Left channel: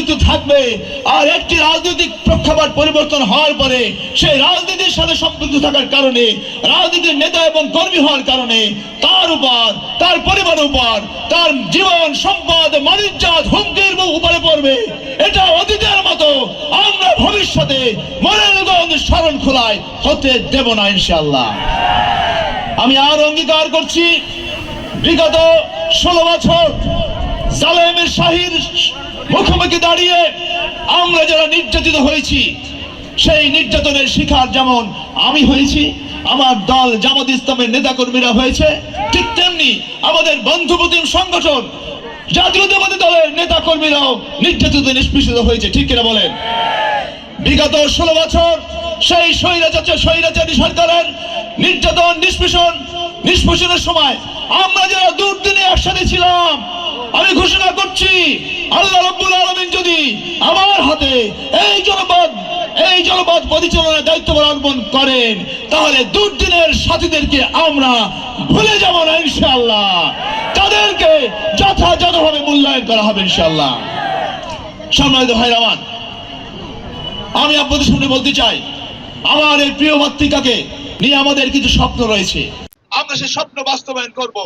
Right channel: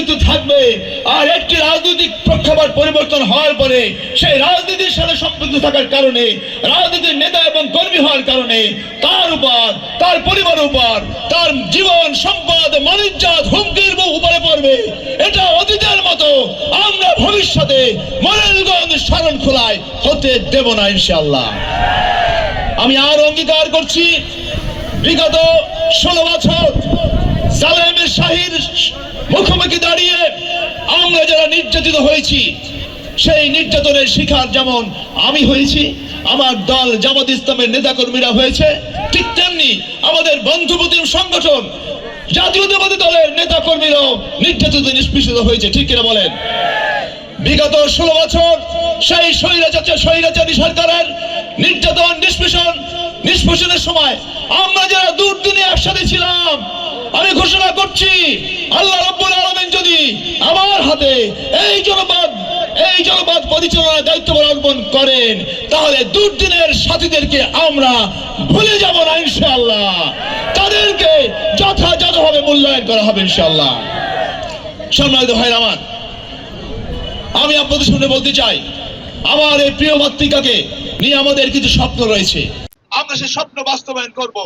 অস্তিত্ব থাকবে। আর একটি রাজনৈতিক প্রেক্ষাপট পরিবর্তন হওয়ার পরে সেই রাজনীতির সাথে সম্পৃক্ত থাকার কারণে, রাজনীতির নেতা এবং কর্মী হওয়ার কারণে তার উপর, তার পরিবারের উপর, তার জীবন সম্পদ মানিজ্জাত হুমকির উপরে পড়বে। এটা অতীতের মতো আমরা ভবিষ্যতে মরেলগঞ্জ শরণখোলায় হতে দেব না ইনশাআল্লাহ। আমি আর অঙ্গীকার করছি, বিগত 16 বছর জালেমের শাহীর মুখোমুখি দাঁড়িয়ে আমরা যারা নির্যাতিত হয়েছি, সেই নির্যাতনের শিকার যেমন আমি হয়েছি, আমার দল জামাত ইসলামের নেতাকর্মীরা হয়েছে, ঠিক তেমনি আমাদের বন্ধুপ্রতিম সংগঠন জাতীয়তাবাদী দলের নেতাকর্মীরাও নির্যাতিত নিষ্পেষিত হয়েছে। ঠিক কিনা বলেন? বিগত 16 বছর সেই স্বৈরাচারী সরকারের নির্যাতন নিষ্পেষণের সময় আমরা যারা দুর্দিনে একসাথে ছিলাম, আমি ঘোষণা করছি, আল্লাহ রাব্বুল আলামিন যদি আমার হাতে এই জনপদ পরিচালনার দায়িত্ব অর্পণ করেন, তাহলে দুর্দিনের সাথীদেরকে আমরা ভুলে যাব না ইনশাআল্লাহ। তাদেরকে যথাযথভাবে মূল্যায়ন করা হবে ইনশাআল্লাহ। সম্মানিত ভাইরা আমার, আমি আপনাদের সামনে বলতে চাই, আমার এই প্রিয় মাতৃকাকে নিয়ে আমাদের কিছু স্বপ্ন রয়েছে, আমরা সেই স্বপ্ন বাস্তবায়ন করব।